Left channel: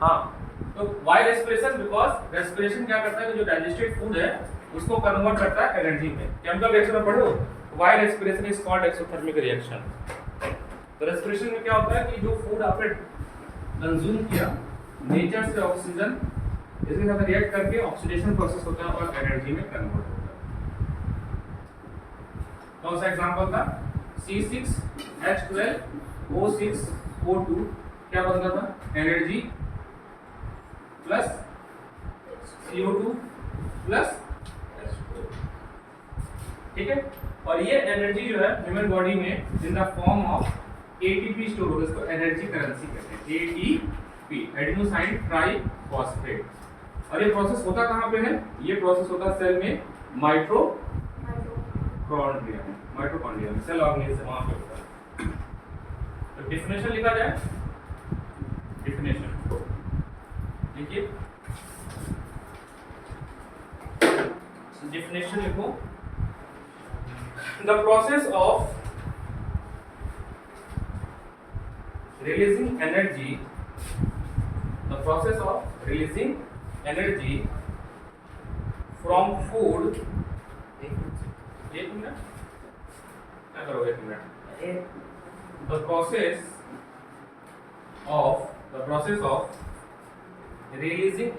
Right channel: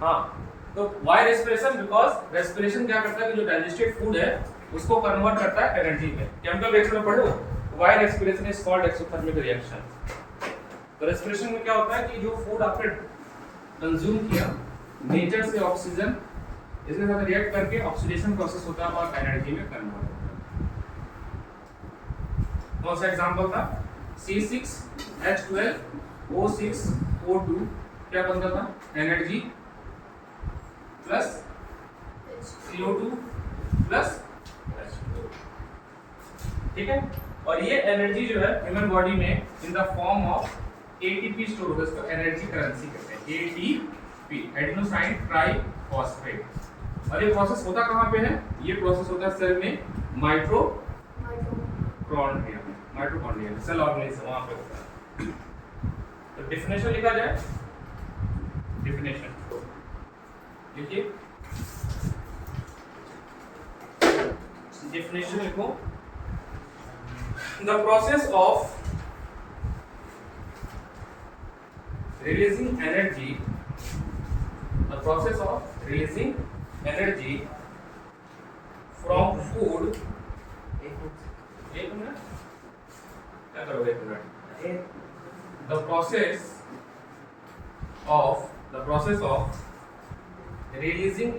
हाँ, तो Y respiration, because respiration क्या करता है कि जो डाइजेस्टेड फूड है उसको कन्वर्ट करता है एनर्जी में। केमिकल रिएक्शन में पढ़ो, why respiration is called exothermic reaction. तो रेस्पिरेशन में क्या होता है कि जो फूड आपने कंज्यूम किया, नेचर से ऑक्सीजन इसके साथ रिएक्ट करके ऑक्सीडेशन प्रोसेस होता है और एनर्जी में कन्वर्ट होता है। कौन सा एग्जांपल था? C6H12O6O2 क्या बनता था? Energy plus CO2 plus H2O। ठीक है, और ये एनर्जी जो है ह्यूमन बॉडी में in the form of ATP store होता है, इसको एनर्जी करेंसी कहते हैं, ATP एडेनोसाइन ट्राइफॉस्फेट। और ये प्रोसेस होता कहाँ पे है? ये प्रोसेस होता है सेल में, माइटोकॉन्ड्रिया में, माइटोकॉन्ड्रिया में सेल ऑर्गेनेल वहां पे होता है। तो डेफिनेशन लिखा जाए, डेफिनेशन देखिए, डेफिनेशन लिखो, the process of releasing energy, the process of releasing energy from food, एक मिनट क्या करो, एक minute, the process of releasing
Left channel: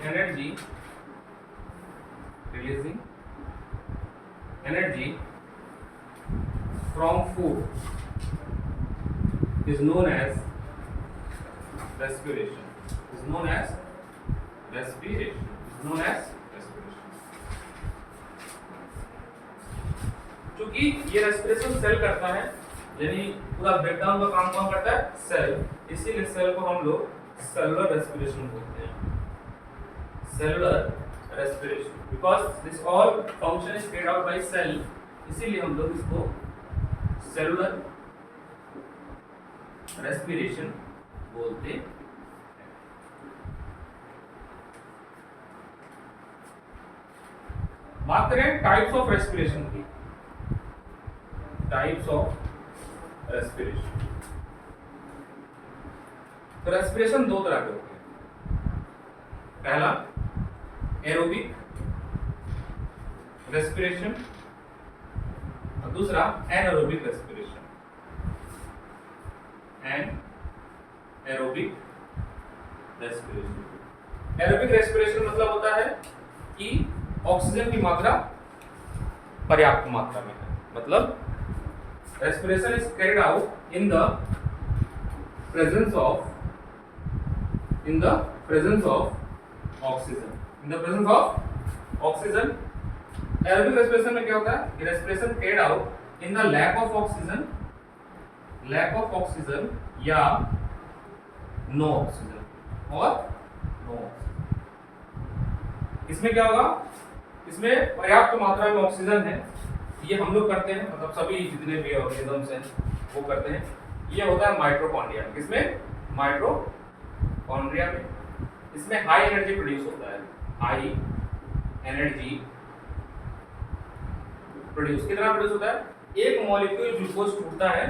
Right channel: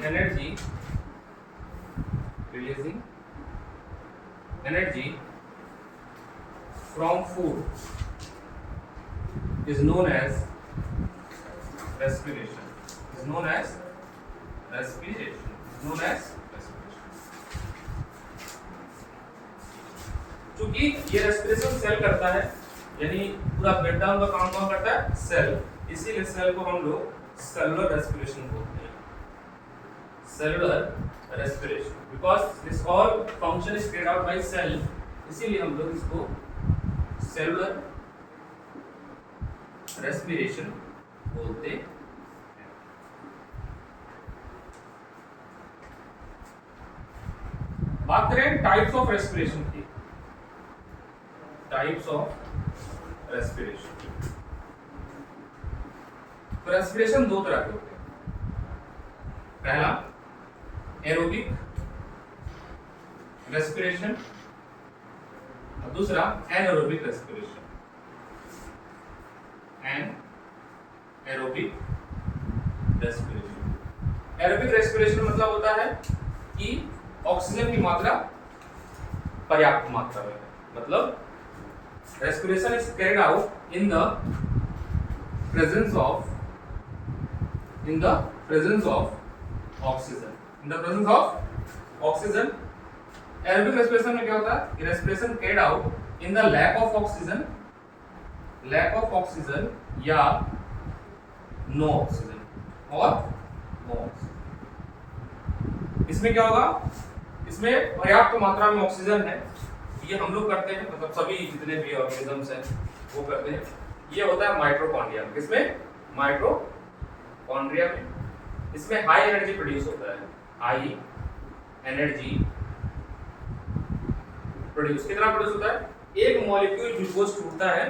energy from food is known as respiration, क्योंकि ये रेस्पिरेशन सेल करता है, यानी पूरा ब्रेकडाउन का काम कौन करता है? सेल। इसीलिए सेल को हम लोग सेलुलर रेस्पिरेशन बोलते हैं, cellular respiration, because this all function is carried out by cell, इसीलिए हम लोग इसको सेलुलर रेस्पिरेशन बोलते हैं। बात करें टाइप्स ऑफ रेस्पिरेशन की, टाइप्स ऑफ रेस्पिरेशन। तो रेस्पिरेशन दो तरह के होते हैं, पहला एरोबिक रेस्पिरेशन और दूसरा anaerobic respiration. Aerobic respiration, aerobic respiration मतलब होता है कि ऑक्सीजन की मात्रा पर्याप्त मात्रा में है, मतलब respiration is carried out in the presence of oxygen, aerobic respiration में क्या होता है कि respiration carried out in the lack of oxygen या नो ऑक्सीजन और नो ऑक्सीजन। इसमें क्या होगा, इसमें पर्याप्त मात्रा में ऑक्सीजन है, ये हम लोग करते हैं, मतलब सभी जितने भी ऑर्गेनिजम्स हैं वो करते हैं। ये होता है माइटोकॉन्ड्रिया में, किसमें? माइटोकॉन्ड्रिया में। इसमें हाई एनर्जी प्रोड्यूस होता है, हाई एनर्जी प्रोड्यूस। कितना प्रोड्यूस होता है? एक मॉलिक्यूल ग्लूकोज टूटता है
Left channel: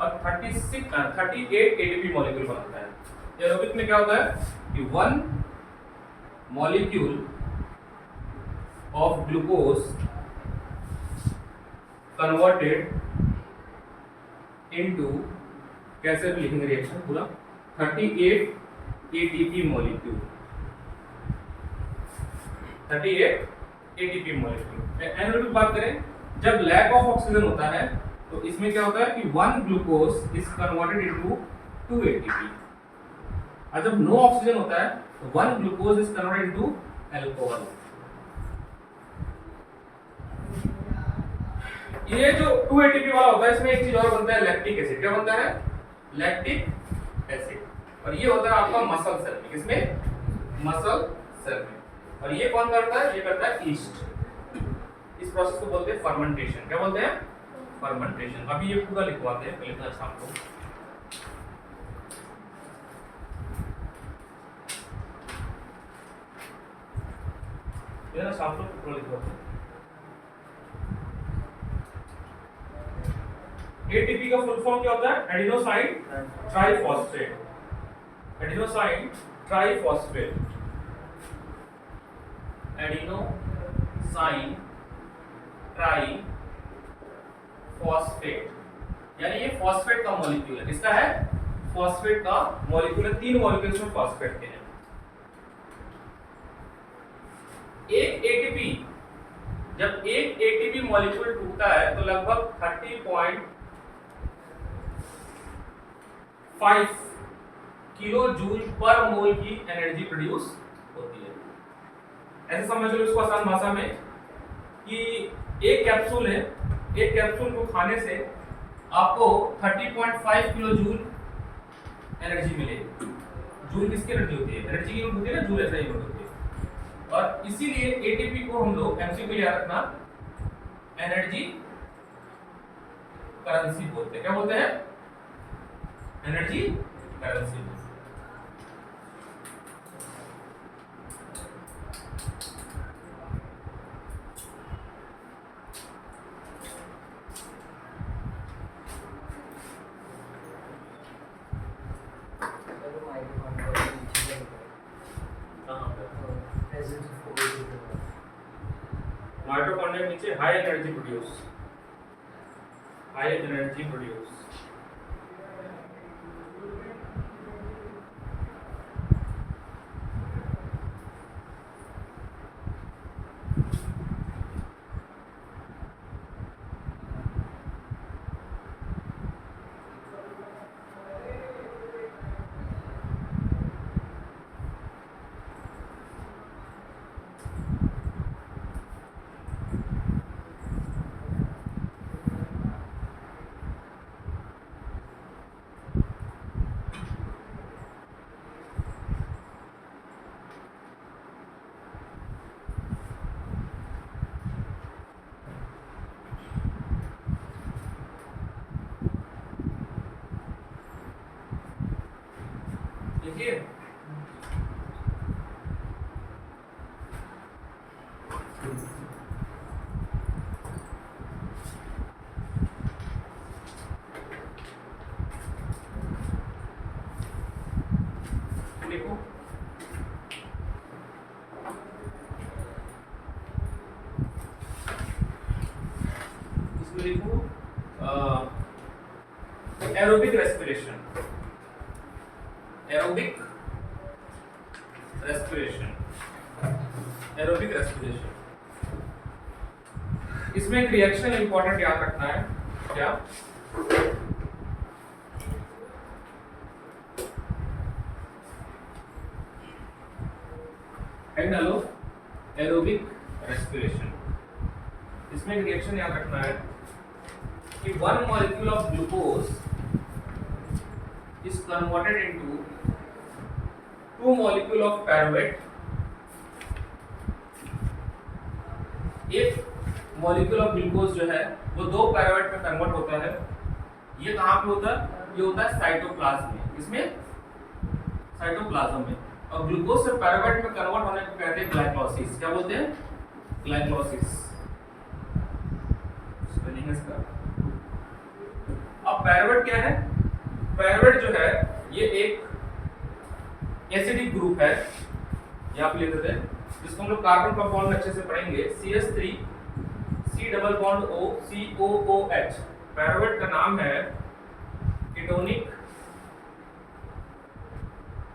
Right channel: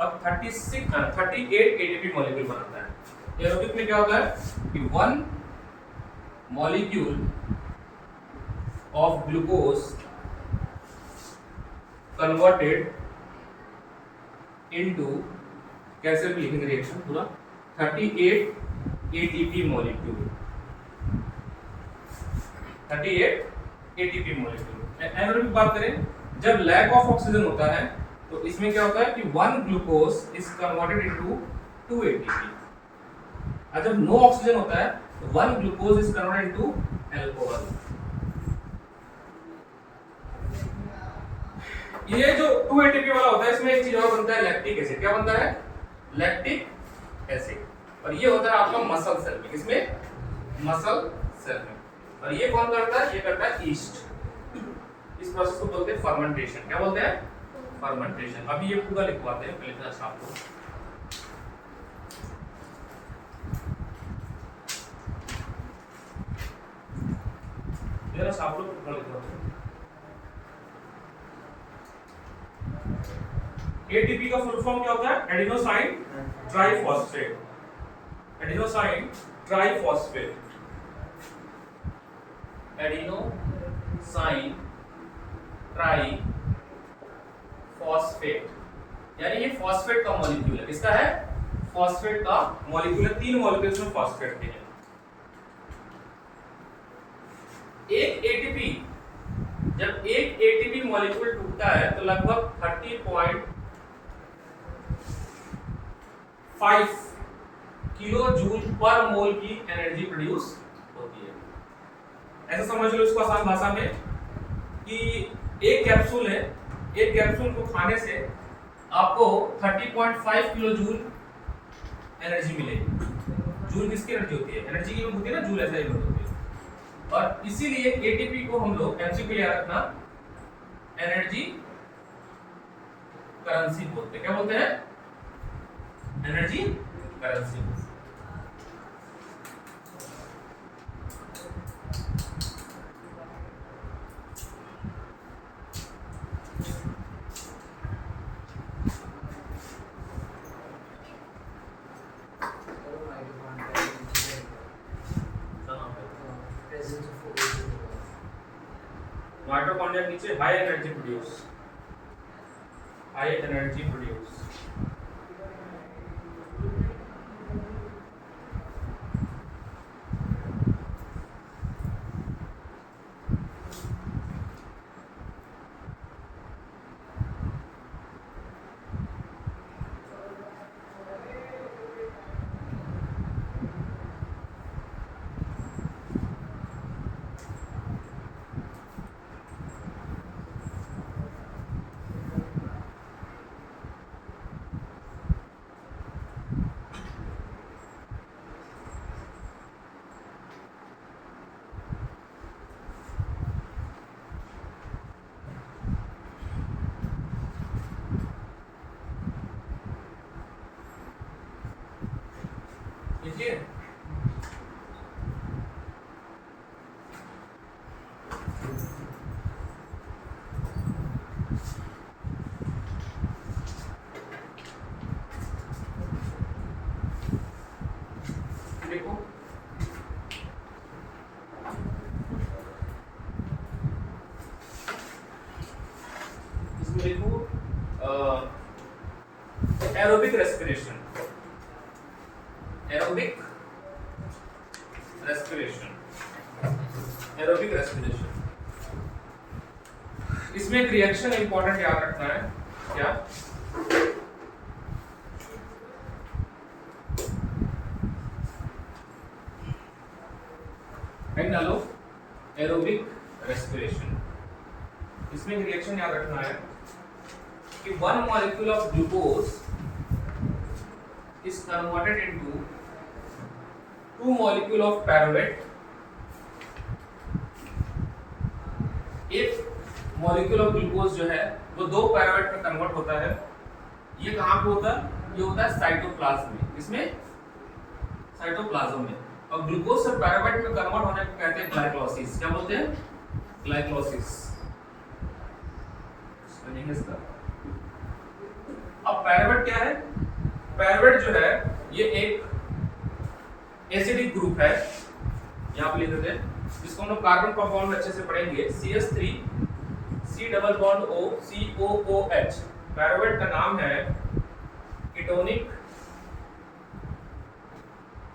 और 38 एटीपी मॉलिक्यूल बनाता है। एरोबिक में क्या होता है कि 1 molecule of glucose converted into, कैसे भी लिखेंगे रिएक्शन पूरा, 38 ATP molecule, 38 ATP molecule. Anaerobic बात करें, जब लैक ऑफ ऑक्सीजन होता है तो इसमें क्या होता है कि 1 glucose is converted into 2 ATP, और जब नो ऑक्सीजन होता है तो 1 glucose is converted into alcohol. ये जो 2 एटीपी वाला होता है, इसमें एक चीज और बनता है, लैक्टिक एसिड। क्या बनता है? Lactic acid. और ये होता है आपका मसल सेल में, किसमें? मसल सेल में। और ये कौन करता है? ये करता है ईस्ट। इस प्रोसेस को बोलते हैं फर्मेंटेशन। क्या बोलते हैं? फर्मेंटेशन। अभी ये पूरा लिखवाते हैं, पहले तो शाम को। ये शाम को पूरा लिखवाते हैं। ATP का फुल फॉर्म क्या होता है? Adenosine triphosphate. Adenosine triphosphate, adenosine triphosphate, यानी ये फॉस्फेट का मॉलिक्यूल है। किसका है? फॉस्फेट का मॉलिक्यूल है। 3 मॉलिक्यूल्स में फॉस्फेट के हैं। एक एटीपी, जब एक एटीपी मॉलिक्यूल टूटता है तो लगभग 30.5 किलो जूल पर मोल की एनर्जी प्रोड्यूस होती है। ऐसा समझ लो इसको आसान भाषा में कि एक कैप्सूल है, एक कैप्सूल को खाने से आपको 30.5 किलो जूल एनर्जी मिलेगी। जूल किसकी एनर्जी होती है? एनर्जी की यूनिट होती है ना, जूल ऐसा यूनिट होती है। और इसीलिए एटीपी को हम लोग एमसीक्यू के लिए रखना एनर्जी करेंसी बोलते हैं। क्या बोलते हैं? Energy currency. माइटोकॉन्ड्रिया नीचे high energy produce, high energy produce. देखिए देखो, इसमें देखो aerobic respiration, aerobic respiration, aerobic respiration. इसमें एक रिएक्शन इंपॉर्टेंट याद रखना है। क्या? डालो एरोबिक रेस्पिरेशन। इसमें एक रिएक्शन याद रखना है कि 1 molecule of glucose is converted into 2 molecule of pyruvate if molecule of glucose जो है वो 2 pyruvate में कन्वर्ट होता है। ये कहाँ पे होता है? ये होता है साइटोप्लाज्म में। इसमें साइटोप्लाज्म में। और ग्लूकोज से पायरुवेट में कन्वर्ट होने को कहते हैं ग्लाइकोलाइसिस। क्या बोलते हैं? ग्लाइकोलाइसिस। स्पेलिंग इसका। अब पायरुवेट क्या है? पायरुवेट जो है ये एक एसिडिक ग्रुप है, यहाँ पे लिख देते हैं, जिसको हम लोग कार्बन कंपाउंड में अच्छे से पढ़ेंगे। CH3 C double bond O COOH। Pyruvate का नाम है कीटोनिक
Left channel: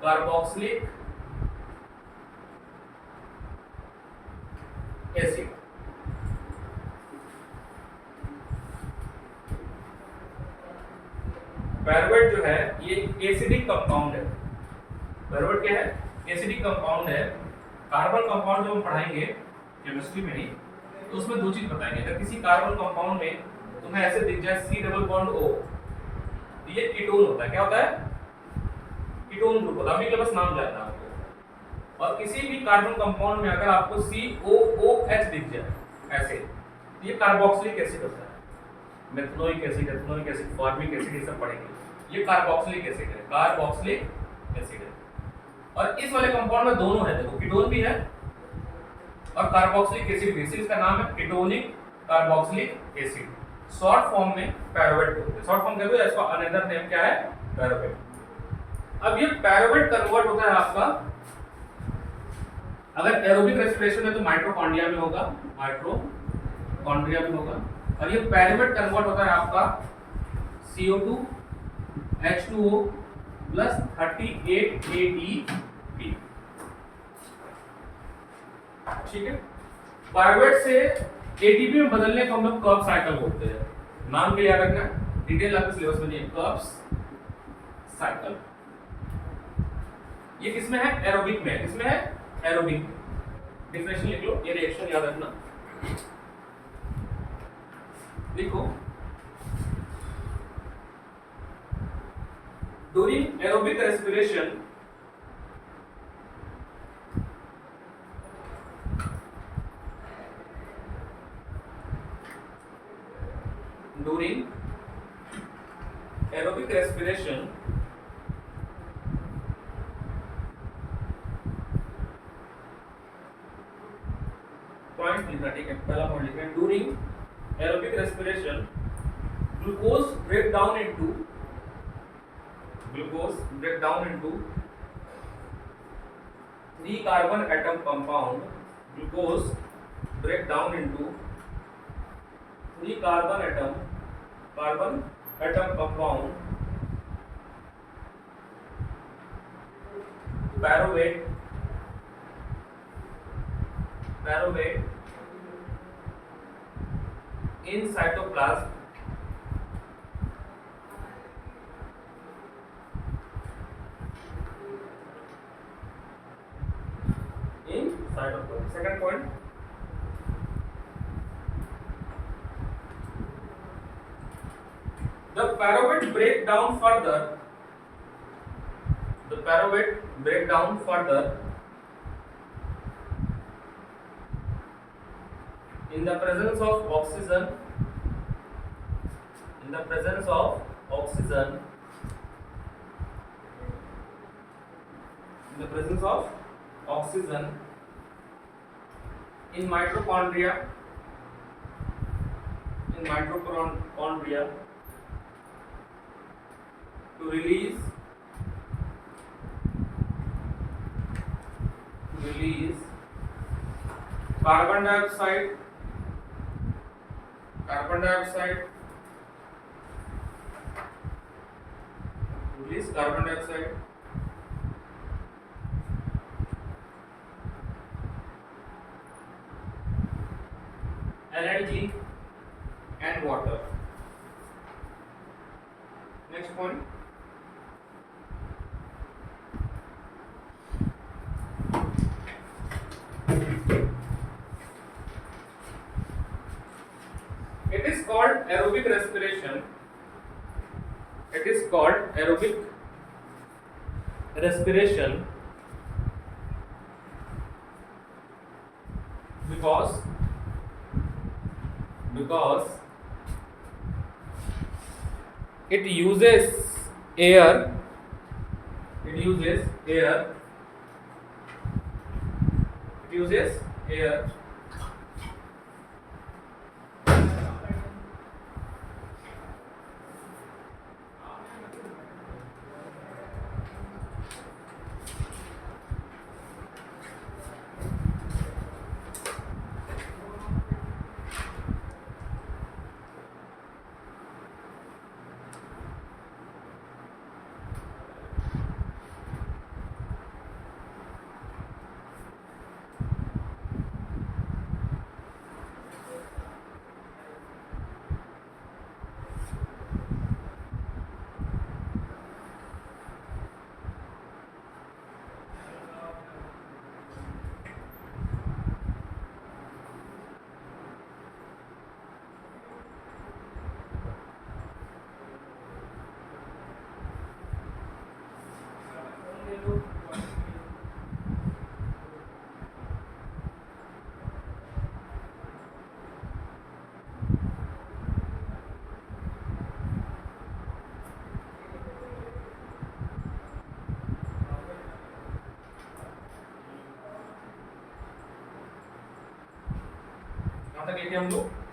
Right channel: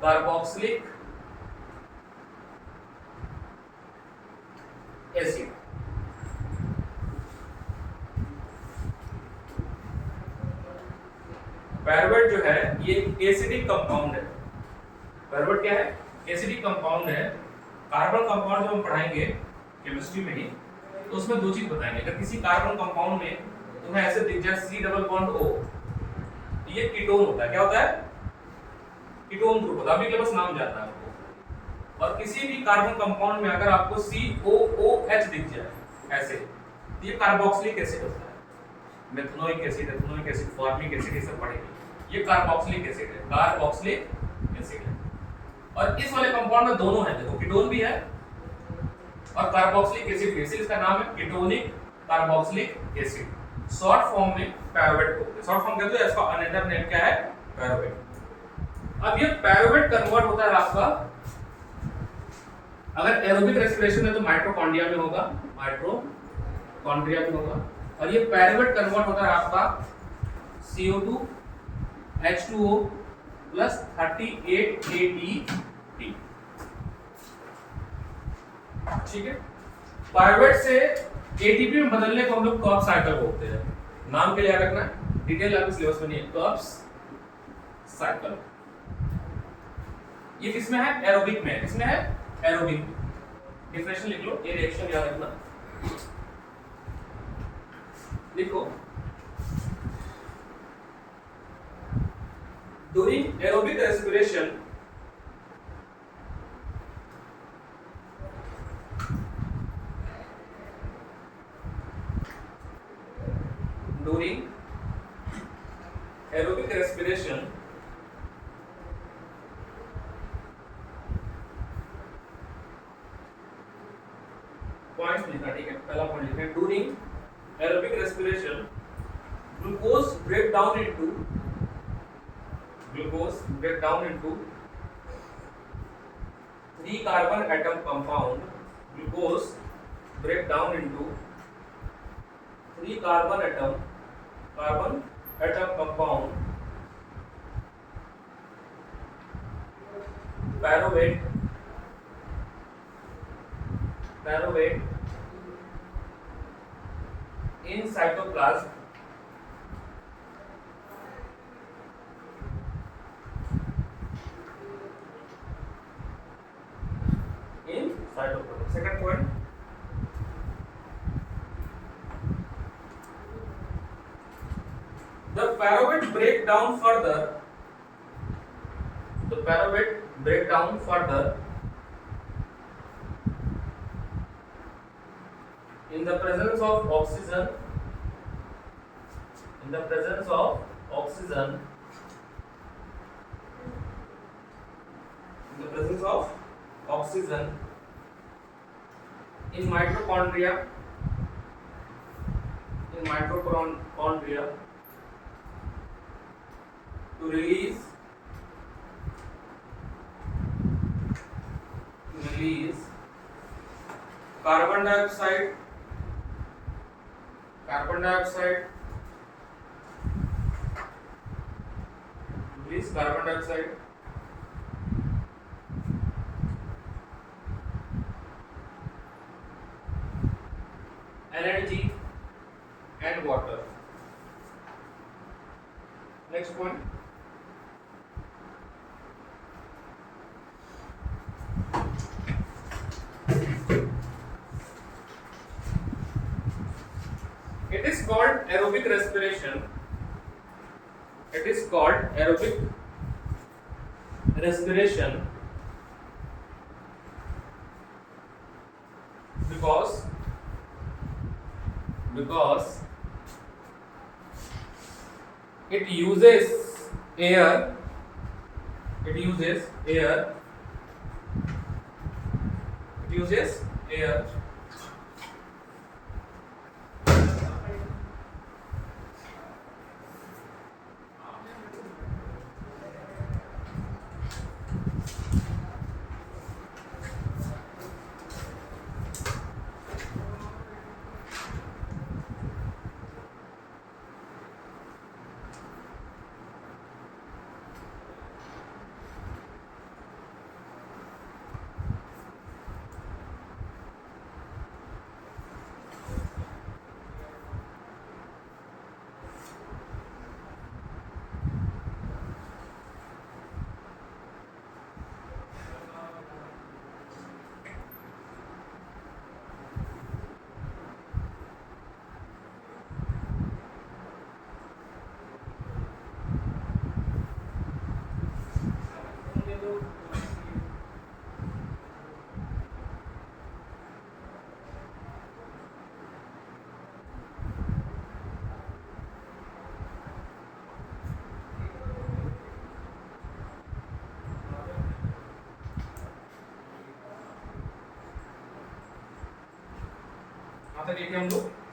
कार्बोक्सिलिक एसिड। पायरुवेट जो है ये एसिडिक कंपाउंड है। पायरुवेट क्या है? एसिडिक कंपाउंड है। कार्बन कंपाउंड जो हम पढ़ाएंगे केमिस्ट्री में ही, तो उसमें 2 चीज बताएंगे। अगर किसी कार्बन कंपाउंड में तुम्हें ऐसे दिख जाए C डबल बॉन्ड O, तो ये कीटोन होता है। क्या होता है? कीटोन ग्रुप होता है। अभी के बस नाम जानना है आपको। और किसी भी कार्बन कंपाउंड में अगर आपको COOH दिख जाए ऐसे, तो ये कार्बोक्सिलिक एसिड होता है। Methanoic acid, ethanoic acid, formic acid, ये सब पढ़ेंगे। ये कार्बोक्सिलिक एसिड है, कार्बोक्सिलिक एसिड है। और इस वाले कंपाउंड में दोनों है, देखो कीटोन भी है और कार्बोक्सिलिक एसिड भी। इसलिए इसका नाम है ketonic carboxylic acid. Short form में पायरुवेट बोलते हैं। शॉर्ट फॉर्म कहते हैं, इसका अनदर नेम क्या है? पायरुवेट। अब ये पायरुवेट कन्वर्ट होता है आपका, अगर एरोबिक रेस्पिरेशन में तो माइटोकॉन्ड्रिया में होगा, माइटोकॉन्ड्रिया में होगा, और ये पायरुवेट कन्वर्ट होता है आपका CO2 H2O प्लस 38 ATP। ठीक है, पायरुवेट से ATP में बदलने को हम लोग कर्ब साइकिल बोलते हैं। नाम के लिए याद रखना है, डिटेल आपके सिलेबस में नहीं है, कर्ब्स साइकिल। ये किसमें है? एरोबिक में। किसमें है? एरोबिक। डेफिनेशन लिख लो, ये रिएक्शन याद रखना। देखो, ड्यूरिंग एरोबिक रेस्पिरेशन पॉइंट लिखना, ठीक है, पहला पॉइंट लिखना है, during aerobic respiration glucose break down into 3 carbon atom compound, glucose break down into 3 carbon atom compound, pyruvate in cytoplasm second point, the pyruvate break down further in the presence of oxygen in mitochondria to release carbon dioxide energy and water. Next point, it is called aerobic respiration. Because it uses air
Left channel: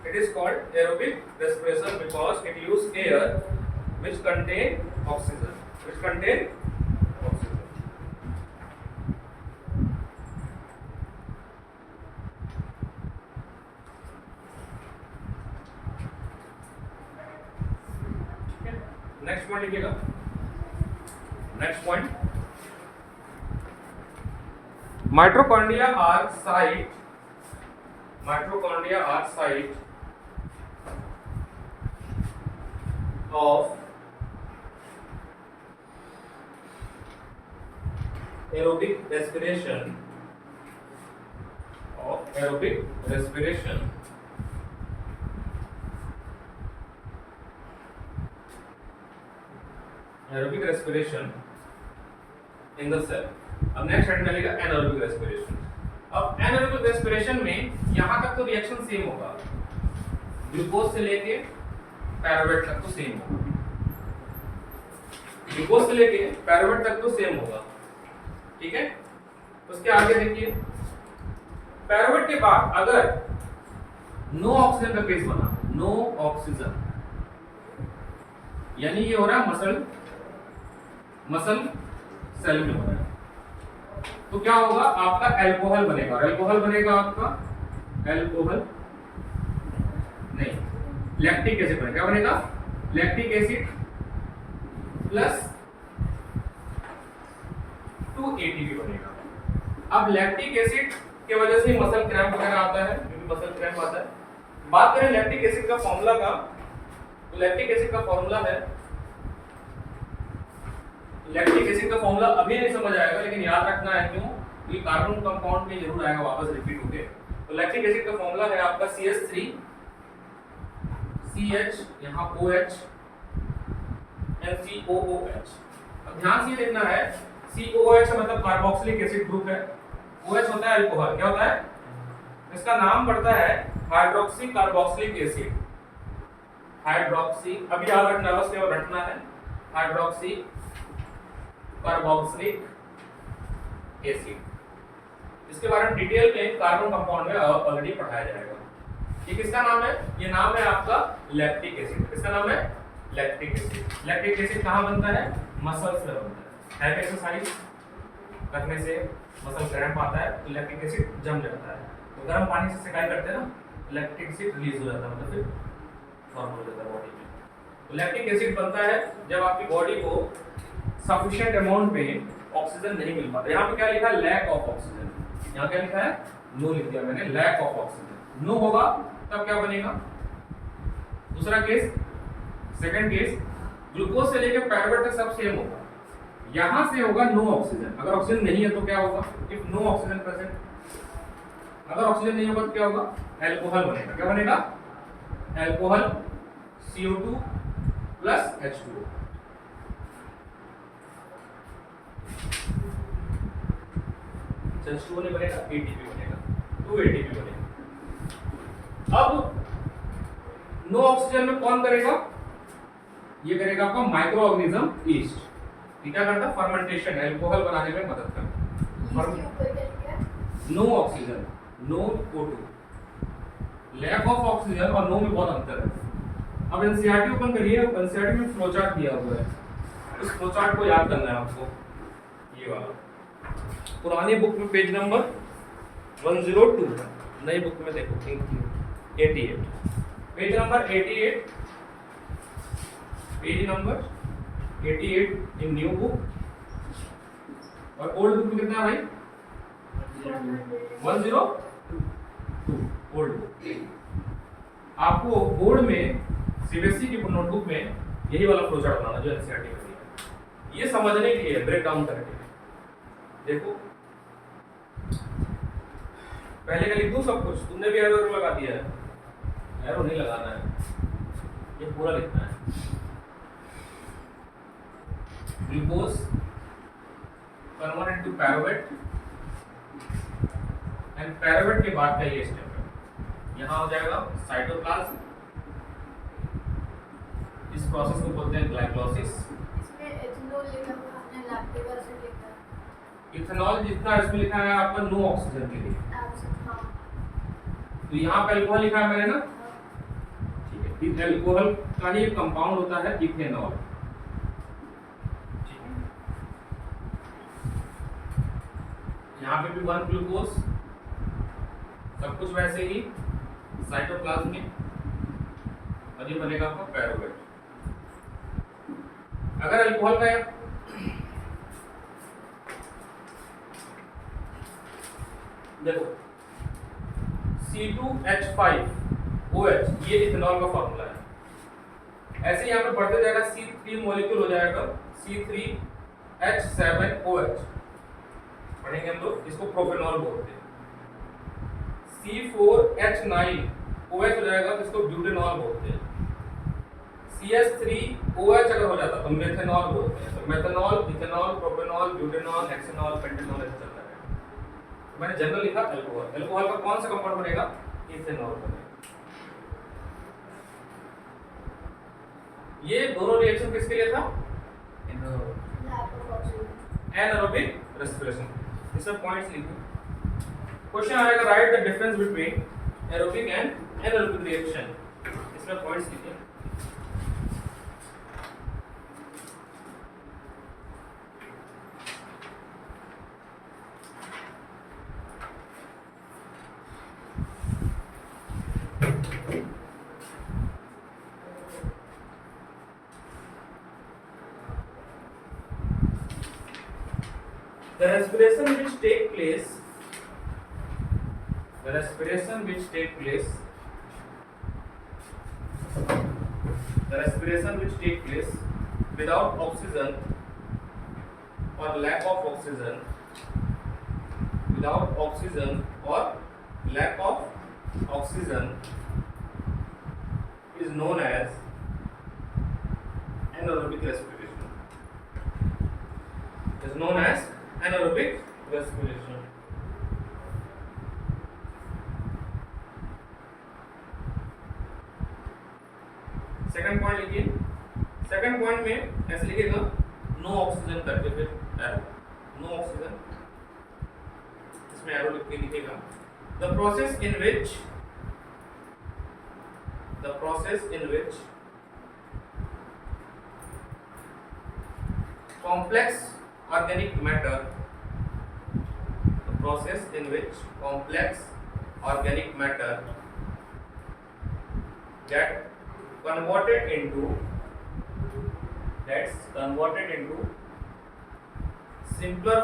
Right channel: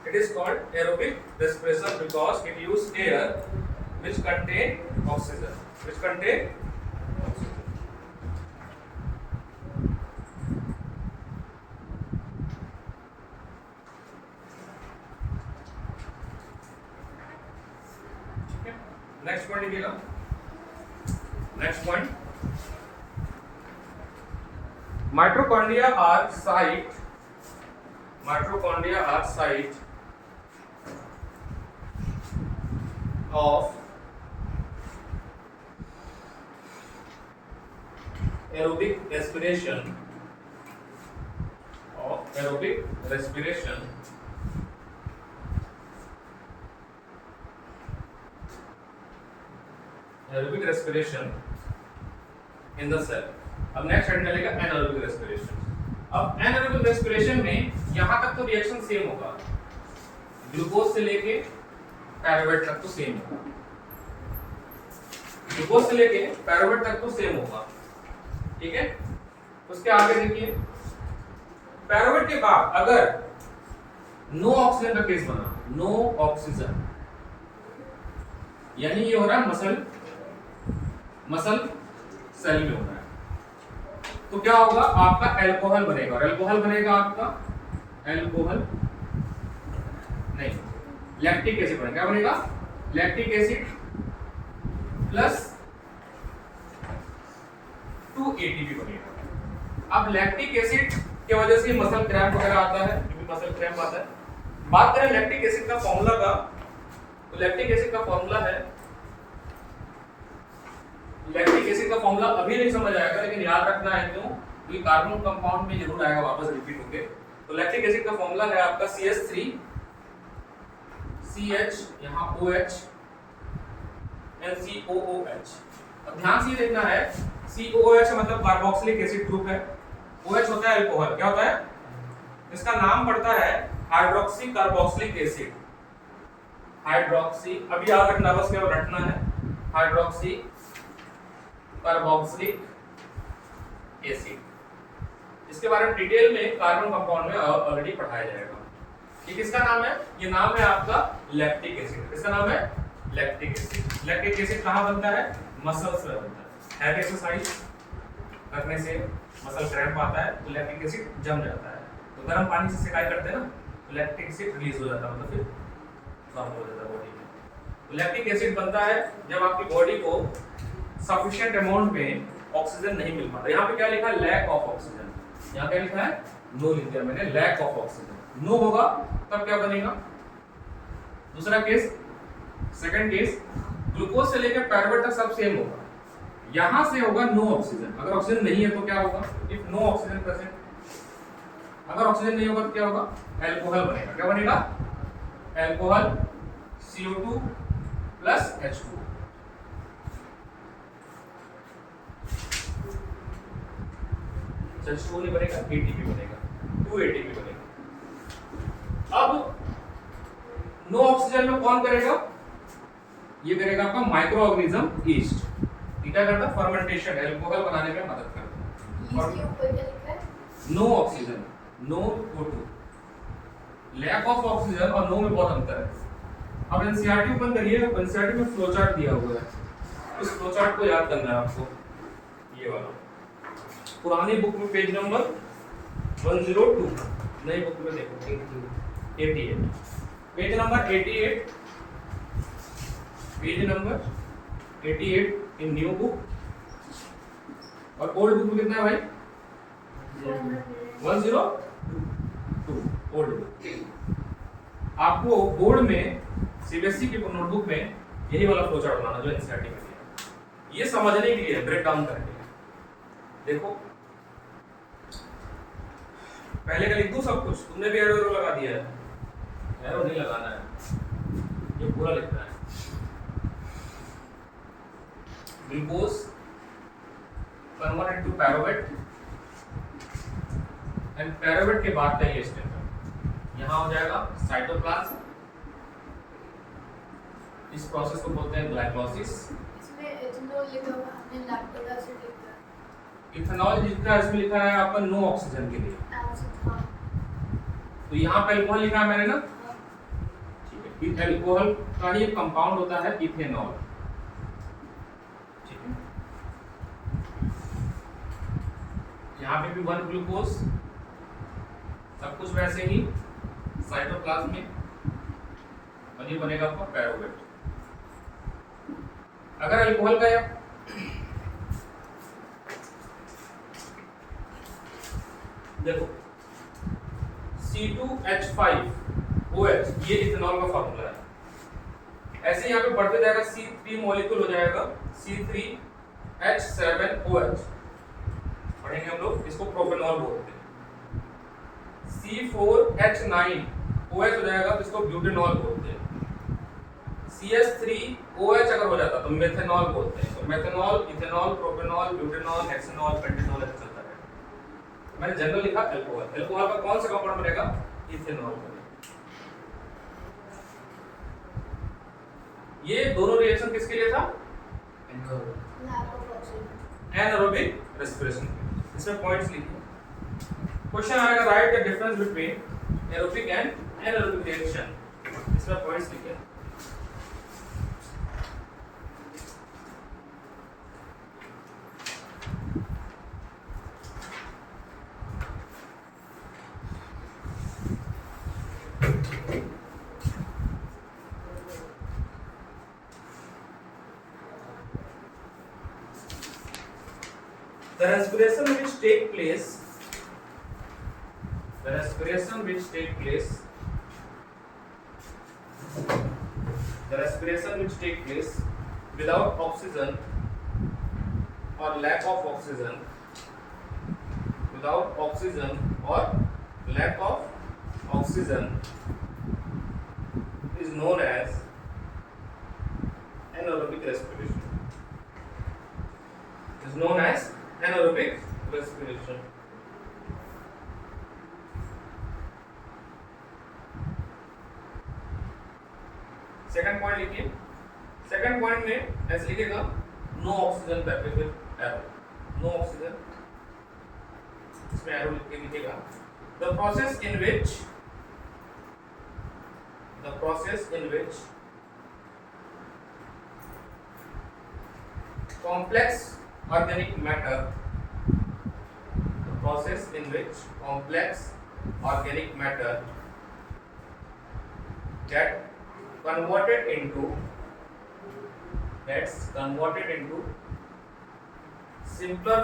It is called aerobic respiration because it uses air which contain oxygen. Point लिखिएगा। Next point, mitochondria are site of aerobic respiration in the cell। अब next head मिलेगा anaerobic respiration. अब anaerobic respiration में यहां तक तो reaction same होगा, glucose से लेके पायरुवेट तक तो सेम होगा, ग्लूकोज से लेके पायरुवेट तक तो सेम होगा, ठीक है। उसके आगे देखिए, पायरुवेट के बाद अगर नो ऑक्सीजन का केस बना, नो ऑक्सीजन, यानी ये हो रहा है मसल सेल में हो रहा है, तो क्या होगा, आपका अल्कोहल बनेगा। और अल्कोहल बनेगा आपका लैक्टिक एसिड बनेगा। क्या बनेगा? लैक्टिक एसिड प्लस 2 एटीपी बनेगा। अब लैक्टिक एसिड की वजह से मसल क्रैम्प वगैरह आता है, क्योंकि मसल क्रैम्प आता है। बात करें लैक्टिक एसिड का फॉर्मूला का, तो लैक्टिक एसिड का फॉर्मूला है, लैक्टिक एसिड का फॉर्मूला अभी नहीं समझ आएगा, लेकिन याद रखना है, क्यों? क्योंकि कार्बन कंपाउंड में जरूर आएगा, वापस रिपीट होके। तो लैक्टिक एसिड का फॉर्मूला है आपका CH3 CH, यहाँ OH NCOOH। अब ध्यान से देखना है, COOH मतलब कार्बोक्सिलिक एसिड ग्रुप है, OH होता है अल्कोहल। क्या होता है? इसका नाम पड़ता है हाइड्रोक्सी कार्बोक्सिलिक एसिड। हाइड्रोक्सी, अभी याद रखना, बस केवल रटना है, हाइड्रोक्सी कार्बोक्सिलिक एसिड। इसके बारे में डिटेल में कार्बन कंपाउंड में ऑलरेडी पढ़ाया जाएगा। ये किसका नाम है? ये नाम है आपका लैक्टिक एसिड। किसका नाम है? Lactic acid. लैक्टिक एसिड कहाँ बनता है? मसल्स में बनता है। एक्सरसाइज करने से मसल क्रैम्प आता है तो लैक्टिक एसिड जम जाता है, तो गर्म पानी से सिकाई करते हैं ना, तो लैक्टिक एसिड रिलीज हो जाता है, मतलब फिर नॉर्मल हो जाता है बॉडी में। तो लैक्टिक एसिड बनता है जब आपकी बॉडी को सफिशिएंट अमाउंट में ऑक्सीजन नहीं मिल पाता। यहाँ पे क्या लिखा है? Lack of oxygen. यहाँ क्या लिखा है? नो लिख दिया मैंने, लैक ऑफ ऑक्सीजन। नो होगा तब क्या बनेगा? दूसरा केस, सेकंड केस, ग्लूकोज से लेकर पायरुवेट तक सब सेम होगा, यहां से होगा नो ऑक्सीजन। अगर ऑक्सीजन नहीं है तो क्या होगा? इफ नो ऑक्सीजन प्रेजेंट, अगर ऑक्सीजन नहीं होगा तो क्या होगा? अल्कोहल बनेगा। क्या बनेगा? Alcohol CO2 plus H2O। H2O नहीं बनेगा, ATP बनेगा, 2 ATP बनेगा। अब नो ऑक्सीजन में कौन करेगा? ये करेगा आपका माइक्रो ऑर्गेनिज्म ईस्ट। क्या करता है? फर्मेंटेशन, अल्कोहल बनाने में मदद करता है। No oxygen, no O2, lack of oxygen और नो में बहुत अंतर है। अब एनसीईआरटी ओपन करिए, एनसीईआरटी में फ्लो चार्ट दिया हुआ है, इस फ्लो चार्ट को याद करना है आपको। ये वाला पुरानी बुक में पेज नंबर 102, नई बुक में देखो 88, पेज नंबर 88, पेज नंबर 88 इन न्यू बुक। और ओल्ड बुक में कितना है भाई? 102 ओल्ड बुक। आपको बोर्ड में सीबीएसई की नोटबुक में यही वाला फ्लो चार्ट बनाना जो एनसीईआरटी में दिया। ये समझने के लिए, ब्रेक डाउन करने के लिए। देखो पहले का लिख दूं सब कुछ, तुमने भी एरो लगा दिया है, एरो नहीं लगाना है, ये पूरा लिखना है। Glucose converted to pyruvate, and pyruvate के बाद का ये स्टेप है, यहाँ हो जाएगा साइटोप्लाज्म। इस प्रोसेस को बोलते हैं ग्लाइकोलाइसिस। इसमें इथेनॉल लिखा हुआ, हमने लैक्टिक एसिड लिखा है। इथेनॉल जितना इसमें लिखा है आपका नो ऑक्सीजन के लिए, तो यहाँ पे अल्कोहल लिखा है मैंने ना, ठीक है। अल्कोहल का ही कंपाउंड होता है इथेनॉल, ठीक है। यहाँ पे भी 1 ग्लूकोज, सब कुछ वैसे ही साइटोप्लाज्म में, और ये बनेगा आपका पायरुवेट। अगर अल्कोहल का है, देखो C2H5OH ये इथेनॉल का फॉर्मूला है। ऐसे यहाँ पे बढ़ते जाएगा, C3 मॉलिक्यूल हो जाएगा C3H7OH, पढ़ेंगे हम लोग, इसको प्रोपेनॉल बोलते हैं। C4H9OH हो जाएगा, इसको ब्यूटेनॉल बोलते हैं। CH3OH अगर हो जाता तो मेथेनॉल बोलते हैं। तो methanol, ethanol, propanol, butanol, hexanol, pentanol ऐसे चलता है। मैंने जनरल लिखा अल्कोहल, अल्कोहल का कौन सा कंपाउंड बनेगा? इथेनॉल बनेगा। ये दोनों रिएक्शन किसके लिए था? Anaerobic respiration. इसमें पॉइंट्स लिखिए। क्वेश्चन आएगा, right the difference between aerobic and anaerobic reaction. इसमें पॉइंट्स लिखिए। The respiration which take place without oxygen or lack of oxygen, is known as anaerobic respiration. Second point लिखिए। Second point में ऐसे लिखिएगा, no oxygen करके फिर arrow, no oxygen, इसमें arrow लिख के लिखिएगा। The process in which complex organic matter gets converted into simpler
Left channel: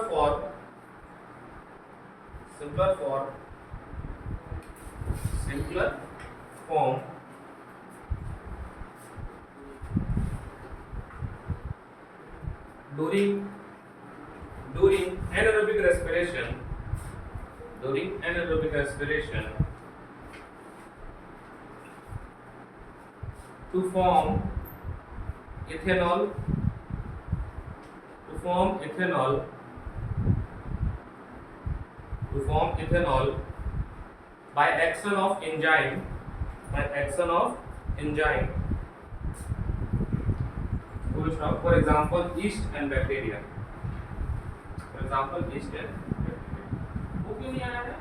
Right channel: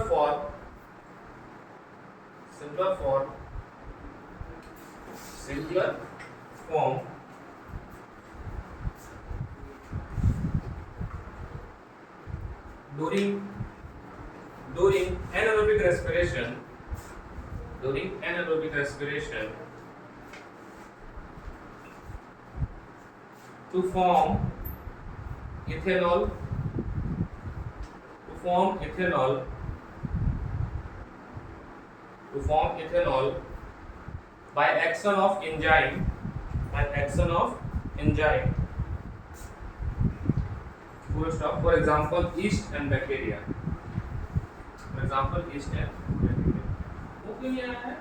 form during anaerobic respiration to form ethanol by action of enzyme full stop, for example yeast and bacteria, वो क्यों नहीं आया है?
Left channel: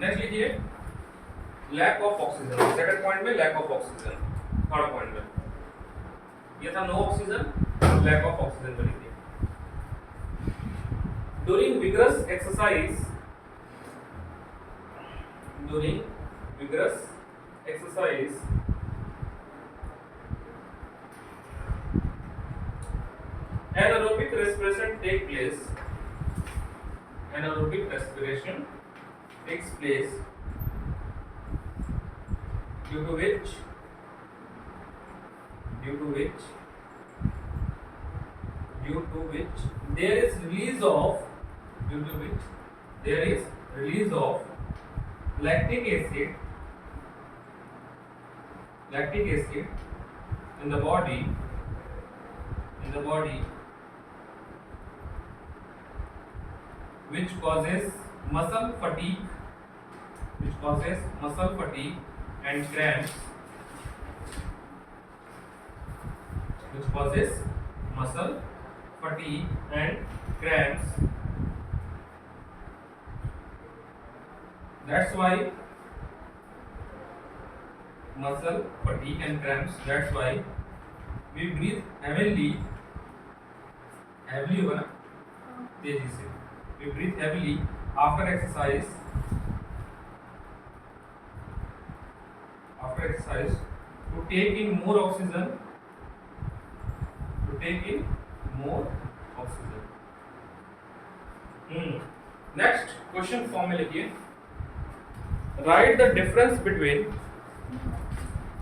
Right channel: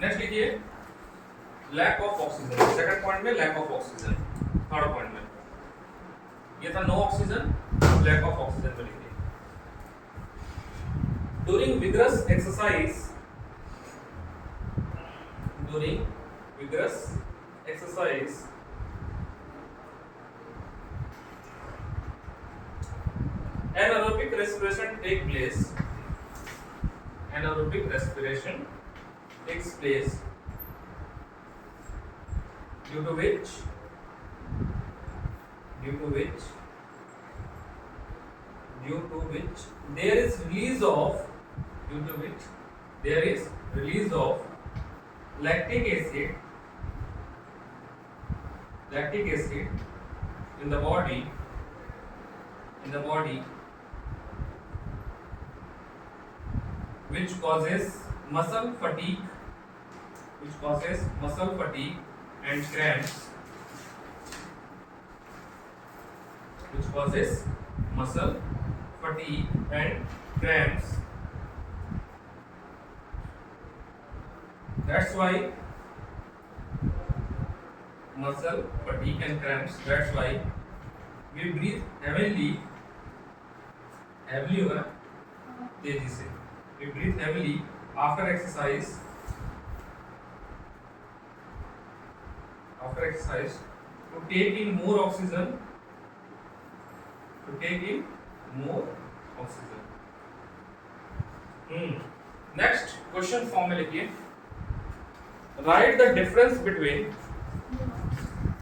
Next लिखिए, lack of oxygen. Second point में lack of oxygen, third point में ये था no oxygen, lack of oxygen पर लिखिए। During vigorous exercise anaerobic respiration takes place, due to which there is release of lactic acid in the body which causes muscle fatigue which causes muscle fatigue and cramps, which causes muscle fatigue and cramps. That's why muscle fatigue and cramps. That's why we breathe heavily होगा ना तेजी से. We breathe heavily after exercise. After exercise to take in more oxygen. To take in more oxygen. Next question form में लिखिए. Write the difference between